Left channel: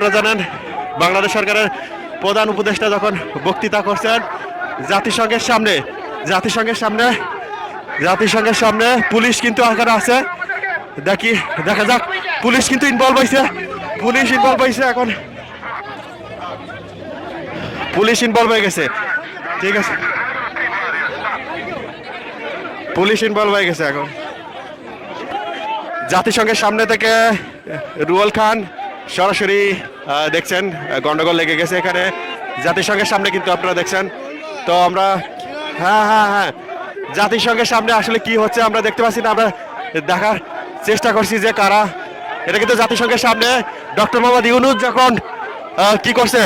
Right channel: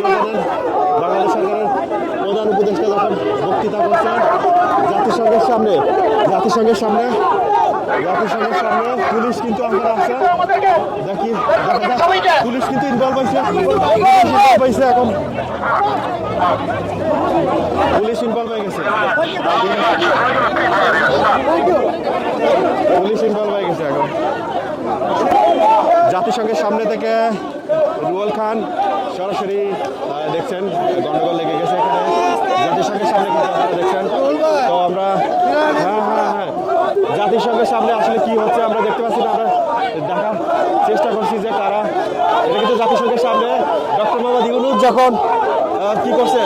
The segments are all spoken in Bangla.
আপনারা জানেন, বাংলাদেশ সরকারের প্রধান উপদেষ্টা যখন বক্তৃতা করছেন, জাতিসংঘের সামনে জাতিসংঘের সামনে জাতিসংঘের সামনে পুলিশ কিন্তু আকারে আছে। দেখি, দেখা যাক, পুলিশ কিন্তু ইনভলভ হয়েছে পুলিশ ইনভলভ হয়েছে এখন। পুলিশ ইনভলভ হয়ে গেছে। ঠিক আছে। পুলিশ ইনভলভ হয়ে গেছে এখন। জাতিসংঘের সামনে থেকে রুয়েল খান সরাসরি দেখছেন, গন্ডগোল লেগে গেছে এখানে। জাতিসংঘের সামনে কিন্তু আপনারা দেখছেন। তো আমরা হ্যাঁ হ্যাঁ হ্যাঁ। জাতিসংঘের সামনে আসলে কি হচ্ছে আমরা দেখতে পাচ্ছি না। আমরা দেখার চেষ্টা করছি যে কারা। এটা কিন্তু জাতিসংঘের সামনে। ডক্টর মোহাম্মদ ইউনুস যখন কি করছে?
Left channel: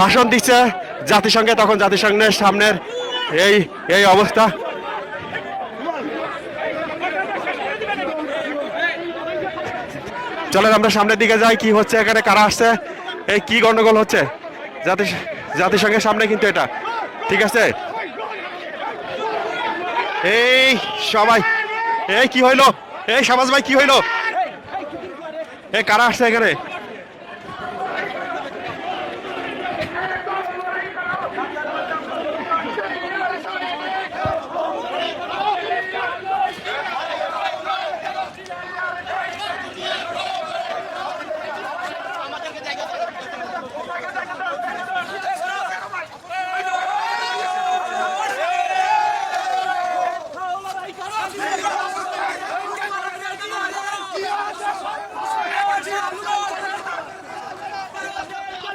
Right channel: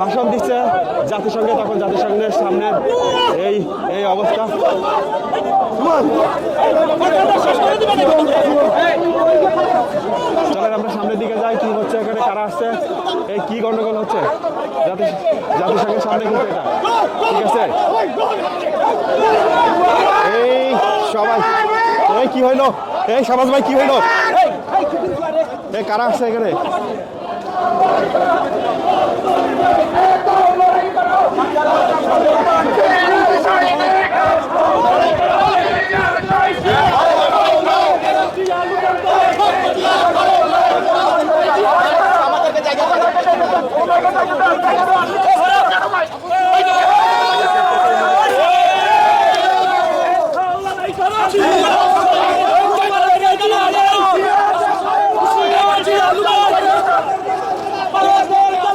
ভাষণ দিচ্ছে জাতিসংঘে, তখন জাতিসংঘের সামনের এই এই অবস্থা। চলেন, আমরা সামনের দিকে যাই, কি হচ্ছে এখানে, কারা আসছে? এই কি গন্ডগোল হচ্ছে? জাতি জাতিসংঘের সামনে কিন্তু এটা। ঠিক আছে? এই সবাই, এই কি হইল? এই সমাজ ভাই, কি হইল? এই কারা আসছে এখানে?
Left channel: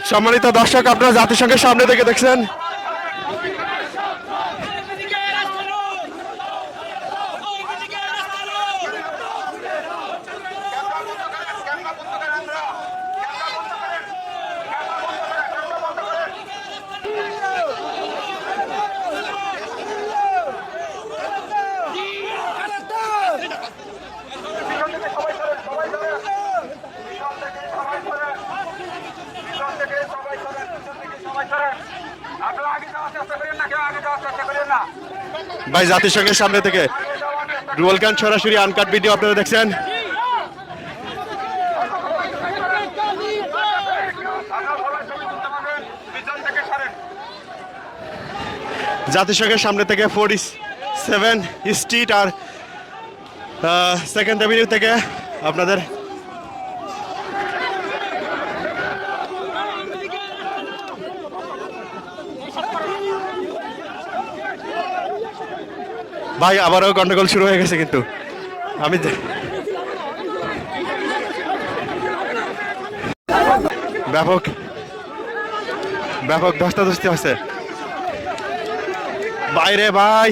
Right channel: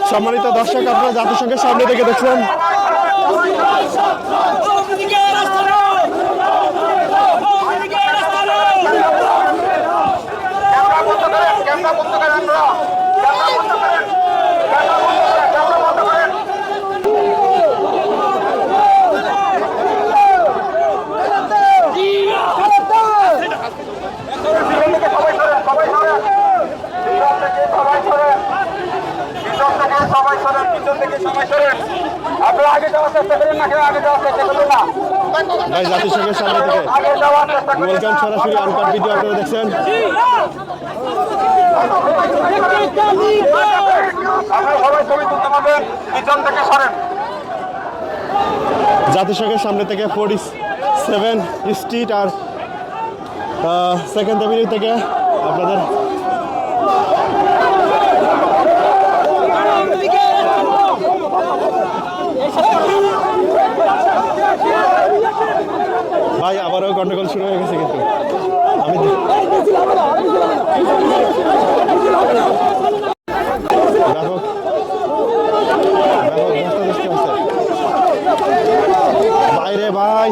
সম্মানিত দর্শক আপনারা জাতিসংঘের সামনে থেকে দেখছেন। আপনারা আগে যাওয়ার চেষ্টা করেন না কেউ আগে যাওয়ার চেষ্টা করেন না ভাই, জাতিসংঘের সামনে থেকে রুয়েল খান সরাসরি আনকাট ভিডিও আপনারা দেখছেন। জাতিসংঘের সামনে থেকে ফোর্টি সেভেন স্ট্রিট আর সেকেন্ড অ্যাভিনিউ থেকে আপনাদের ভাই, আবারও গন্ডগোল শুরু হয়ে গেছে কিন্তু। আমি ব্যাপক ব্যাপক ধস্তাধস্তি হচ্ছে বাইরে ভাই।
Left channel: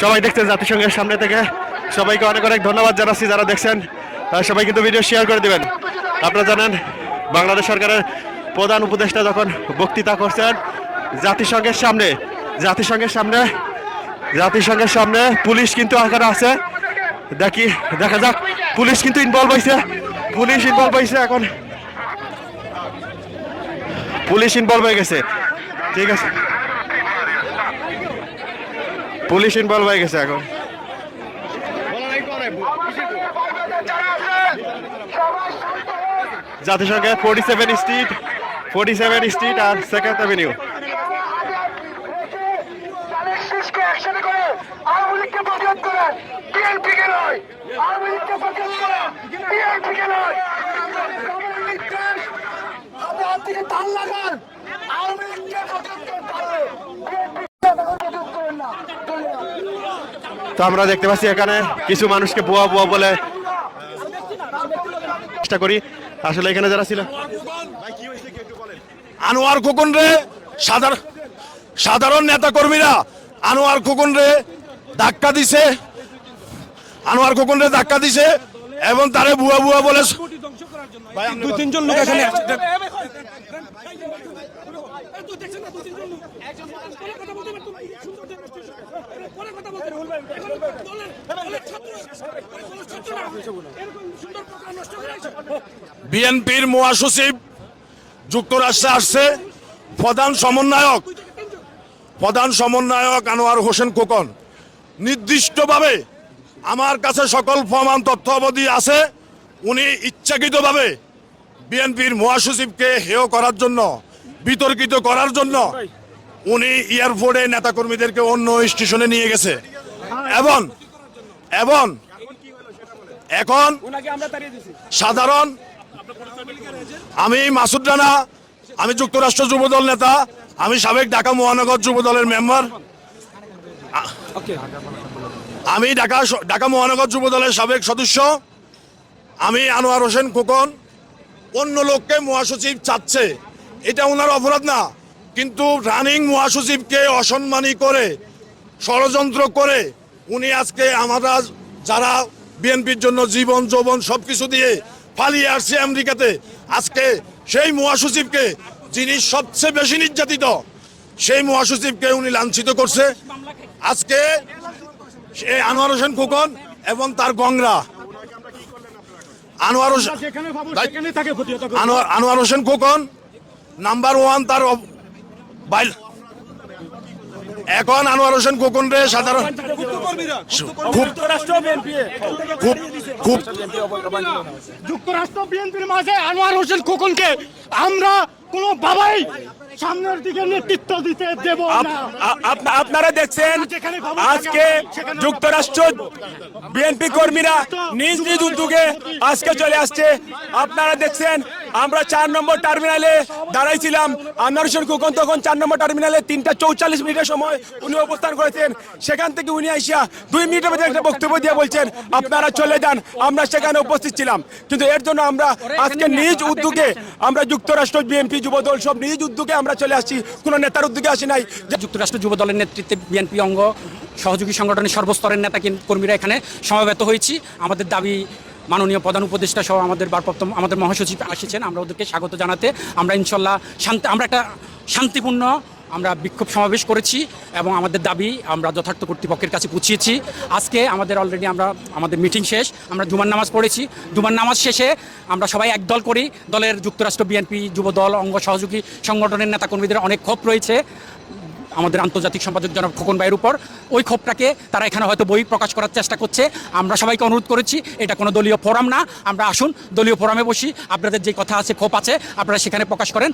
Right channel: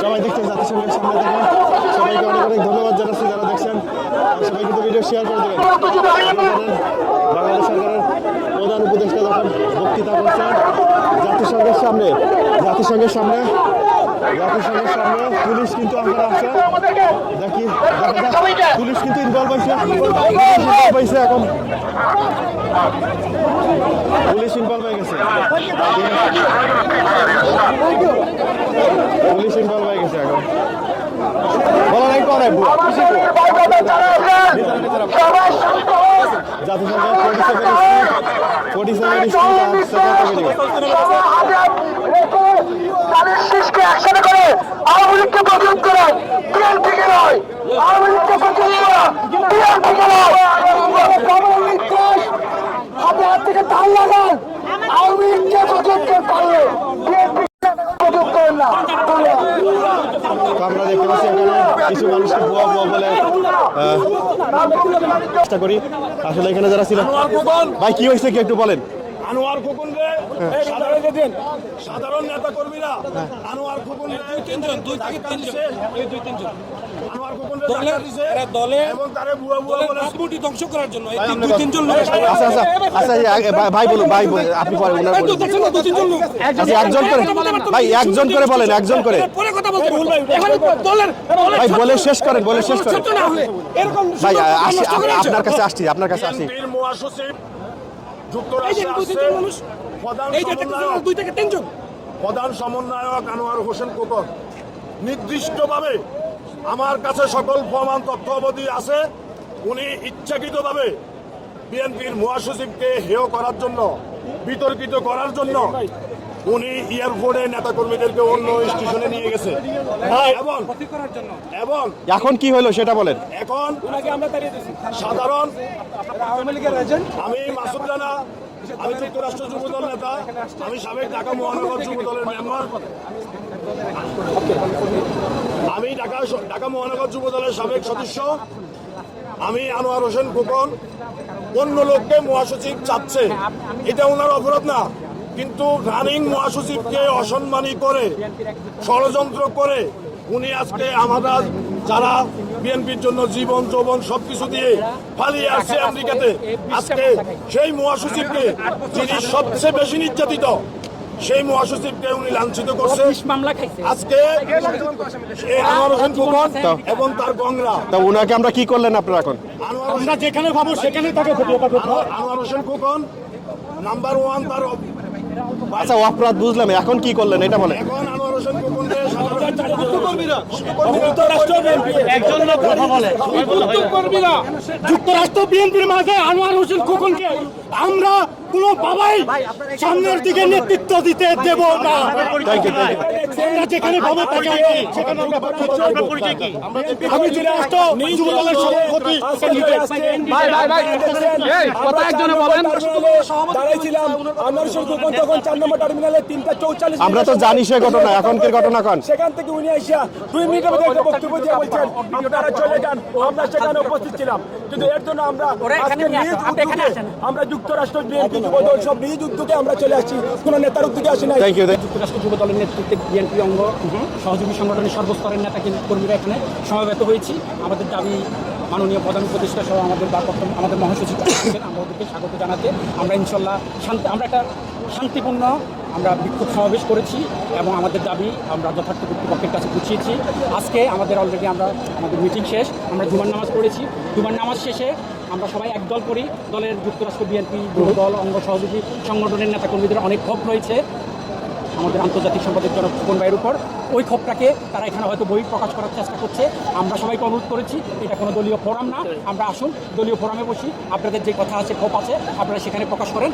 সবাই দেখছেন জাতিসংঘের সামনে থেকে। সবাইকে অনেক অনেক ধন্যবাদ জানাচ্ছি যারা দেখছেন। সবাই কিন্তু ভিডিও শেয়ার করে দেবেন। আপনারা জানেন, বাংলাদেশ সরকারের প্রধান উপদেষ্টা যখন বক্তৃতা করছেন, জাতিসংঘের সামনে জাতিসংঘের সামনে জাতিসংঘের সামনে পুলিশ কিন্তু আকারে আছে। দেখি, দেখা যাক, পুলিশ কিন্তু ইনভলভ হয়েছে পুলিশ ইনভলভ হয়েছে এখন। পুলিশ ইনভলভ হয়ে গেছে। ঠিক আছে। পুলিশ ইনভলভ হয়ে গেছে এখন। জাতিসংঘের forty seven street forty seven street আর সেকেন্ড অ্যাভিনিউ তাদের শীষকে একসাথে করে আওয়ামী লীগকে প্রতিরোধ করেন বিএনপিকে নয় আওয়ামী লীগকে প্রতিরোধ করা বিএনপিকে নয় হাতে হাত থেকে তাল লাগান আওয়ামী লীগকে প্রতিরোধ করতে পারলে বিএনপিকে প্রতিরোধ করেন না তো আমরা দেখতে পাচ্ছি এখানে কিছু মানুষকে ভুয়া ভুয়া বলে চেষ্টা করি। আসলে এখানে যারা ছিল ভাই কি হয়েছে কি একটু বলেন? আনোয়ার খোকন রে সাধারণ সাধারণ নেতা কর্মীরা আনোয়ার খোকন রে ধাক্কা দিছে। আনোয়ার খোকন রে ধাক্কা দিছে এবং তারে বুয়া বুয়া বলে কোটি ধ্বংস করার জন্য এই তিনজন লোক এখানে আচ্ছা আচ্ছা আচ্ছা ভাই- বলুন ভাই আপনি পরে ওনার একজন করে ভাই একজন করে বলেন একজন করে। পরে কথা বলতে ভাই এখানে বলে শেষ করেন বলে শেষ করেন। সত্য না হলে এরকম ভাই সুযোগ আসছি নষ্ট করে আছে। আপনার কাছে আসছি আপনার কাছে বিএনপির মহাসচিব যুক্তরাষ্ট্রে আসছে। প্রধান সমন্বয়ক। প্রধান সমন্বয়ক আনোয়ার হোসেন খোকন। নির্দিষ্টভাবে আমার কাছে সকল প্রমাণ তথ্য অবধি আছে। উনি ইচ্ছাকৃতভাবে বিএনপির মহাসচিবকে হেয় করার জন্য বিতর্কিত করার জন্য উনি এয়ারপোর্টে নেতাকর্মীদেরকে অন্য স্টেশনে নিয়ে গেছে। এবং এবং এখন কি হলো সেটা বলেন। এখন সাধারণ আমি মাসুদ রানা আমি যুক্তরাষ্ট্র যুবদল নেতা আমি সাবেক ঢাকা মহানগর যুবদলের মেম্বার আমি ঢাকা ঢাকা মহানগর যুবদলের সাবেক সদস্য। আমি আনোয়ার হোসেন খোকন। অন্য লোককে মহাসচিব চাচ্ছে। এটা ওনার অপরাধ না। কিন্তু রানিং মহাসচিবকে অসম্মানী করে ষড়যন্ত্র করে উনি আজকে আমরা যারা বিএনপির জন্য জীবন যৌবন সবকিছু দিয়ে পালিয়ে আসছে আমেরিকাতে আজকে সেই মহাসচিবকে যিনি সবচেয়ে বেশি নির্যাতিত সেই মহাসচিবকে উনি লাঞ্ছিত করছে। আজকে সে আনোয়ার হোসেন ফুকন এবং তার গংরা তা উনাকে আমরা কি করলেন আপনারা এখন? আনোয়ার হোসেন। আনোয়ার আনোয়ার হোসেন ফুকন নাম্বার ওয়ান তার আচ্ছা অপরাধ বুঝলাম এখন কি করলেন? এটা বলেন। এখন আনোয়ার হোসেন রে সাধারণ যুক্তরাষ্ট্র বিএনপির মাঝে আনোয়ার হোসেন কোকুনকে আমরা কোনো বাবাই সামনের দিকে নেতৃত্ব দিতে দেব না। আপনারা দেখছেন আজকে যুক্তরাষ্ট্র বিএনপি কর্মীরা নিজ নিজ উদ্যোগে আজকে চলে আসছে। আপনারা দেখছেন আমরা চার নম্বর টার্মিনালে দাঁড়াইছিলাম। খোকন তখন চার নম্বর টার্মিনালে তিনটা চৌচল্লিশ আমরা তো জানি সে ঘটনা, এখনকার ঘটনা কোন? সেখান থেকে উনি আসিয়া দুই মিনিটের মধ্যে একটা বক্তব্য দিয়ে বলছেন আপনারা চলে যান আমরা সেখানে উপস্থিত ছিলাম। কিন্তু এর জন্য আমরা আজকে নিজ উদ্যোগে আমরা যুক্তরাষ্ট্র বিএনপি যুবদল সব নিজ উদ্যোগে আমরা চলে আসছি। কোন নেতার উদ্যোগে আসি নাই। যুক্তরাষ্ট্র যুব দলের নেতৃত্বে বিএনপি অঙ্গ, সহযোগী সংগঠনের সর্বস্তরের নেতা কর্মীরা এখানে সমবেত হয়েছি। আমাদের দাবি মাননীয় প্রধান উপদেষ্টা সহ আমাদের ভারপ্রাপ্ত আমাদের মহাসচিব আসছেন আমরা ওদেরকে স্বাগত জানাতে আমরা ইনশাল্লাহ শান্তি আমরা একটা শান্তিপূর্ণ আমরা বিক্ষোভ সমাবেশ করেছি এবং আমাদের দাবি আমরা যথার্থ কর্তৃপক্ষের কাছে বুঝিয়েছি আজকে আমাদের অলরেডি আমরা আমাদের মিটিং শেষ। আমরা জুমার নামাজ পড়েছি। জুমার নামাজ শেষে আমরা সবাই একদল করি। দলের যুক্তরাষ্ট্র বিএনপি যুব দল অঙ্গ সহযোগী সংগঠনের নেতাকর্মীদের অনেক ক্ষোভ রয়েছে। আমাদের আন্তর্জাতিক সম্পাদক জনক ফুকন ভাইয়ের উপর। ওই ক্ষোভটাকে তারা এখানে হয়তো বই প্রকাশ করার চেষ্টা করছে। আমরা সবাইকে অনুরোধ করেছি, এটা কোনো দলীয় ফোরাম না। আমরা আসুন, দলীয় ফোরামে বসি। আপনাদের যে কথা আছে, ক্ষোভ আছে, আপনারা সেখানে প্রকাশ করেন।